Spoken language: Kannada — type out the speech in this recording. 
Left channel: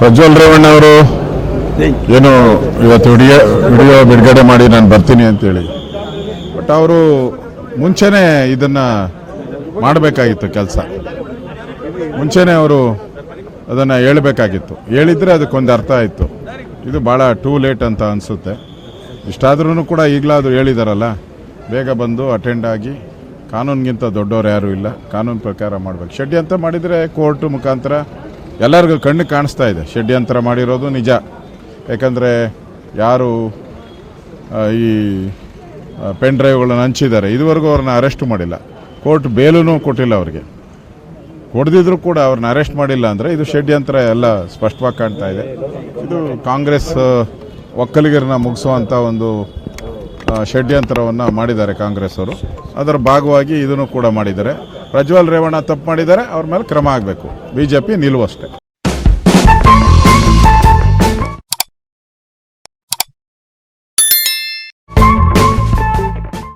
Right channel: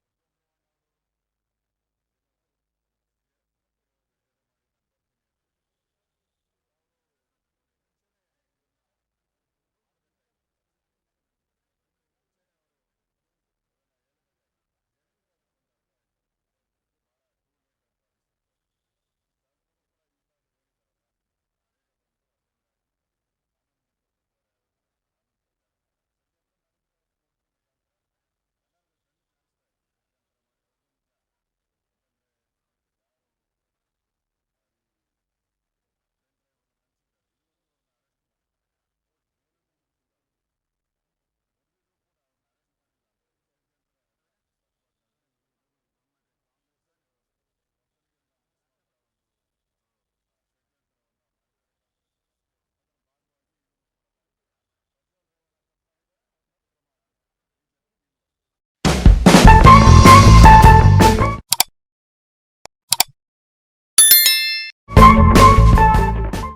ಪ್ರಜ್ವಲ್ ರೇವಣ್ಣ ಅವರು ಏನು ಇವತ್ತು ವಿಡಿಯೋ ಬಿಡುಗಡೆ ಮಾಡಿ ನಾನು ಬರ್ತೀನಿ ಅಂತೇಳಿ, ಬಟ್ ಅವರು ಮುಂಚೆನೇ ಇದನ್ನು ಮಾಡಬೇಕಾಗಿತ್ತು. ಕೆಲಸ ಮುಂಚೆನೇ ಅವರು ಅದನ್ನು ಹೇಳಬೇಕಾಗಿತ್ತು. ಹೇಳಿದರೆ ಅದಕ್ಕೊಂದು ಅರ್ಥ ಆಯಿತು. ಇದು ಭಾಳ ಟೂ ಲೇಟ್ ಅಂತ ಅನಿಸುತ್ತೆ. ಇಷ್ಟಾದ್ರೂ ಕೂಡ ಈಗಲಾದರೂ ಹೇಳಿದಾರಲ್ಲ, ಬೇಗ ಬಂದು ಅಟೆಂಡ್ ಆಗಿ, ಕಾನೂನಿಗಿಂತ ದೊಡ್ಡವ್ರು ಯಾರೂ ಇಲ್ಲ, ಕಾನೂನು ಪ್ರಕಾರ ಮಾಡಬೇಕು. ಷಡ್ಯಂತ್ರ ಮಾಡಿದರೆ ಕೋರ್ಟ್ ಮುಖಾಂತರ ಎಲ್ಲರಿಗೂ ಕಣ್ಣು ಕಾಣಿಸ್ತಾ ಇದೆ. ಷಡ್ಯಂತ್ರ ಮಾಡಿರೋದು ನಿಜ. ಯಾಕಂದರೆ ಯಾರು ಈ ಪೆನ್ ಡ್ರೈವ್ಗಳನ್ನು ಹಂಚಿದ್ದಾರೆ, ಇದುವರೆಗೂ ಅವ್ರನ್ನ ಅರೆಸ್ಟ್ ಮಾಡಿಲ್ಲ. ಕೋರ್ಟ್ ಬೇಲೂ ಕೊಟ್ಟಿಲ್ಲ ಅವ್ರಿಗೆ. ಹೊಡೆದಿದ್ರು ಕೂಡ ಅವ್ರನ್ನ ಅರೆಸ್ಟ್ ಮಾಡಿಲ್ಲ ಅಂದರೆ ಇದು ಷಡ್ಯಂತ್ರ ಎಲ್ಲ ಸ್ಪಷ್ಟವಾಗಿ ಕಾಣ್ತಾ ಇದೆ. ಇದು ಕಾಂಗ್ರೆಸ್ ಒಕ್ಕಲಿಗರನ್ನ ಮುಗಿಸುವಂಥ ಒಂದು ಷಡ್ಯಂತ್ರವನ್ನು ಮಾಡಿದ್ದಾರೆ ಕಾಂಗ್ರೆಸ್ ಅವರು. ಅದರ ಭಾಗವಾಗಿ ಇದನ್ನು ಕೂಡ ಮಾಡಿದ್ದಾರೆ. ಪ್ರಜ್ವಲ್ ರೇವಣ್ಣ ತಪ್ಪು ಮಾಡಿದ್ದಾರೆ, ಅವ್ರ ಮೇಲೆ ಕ್ರಮ ಆಗಬೇಕು. BJP ನಿಲುವು ಅಷ್ಟೇ.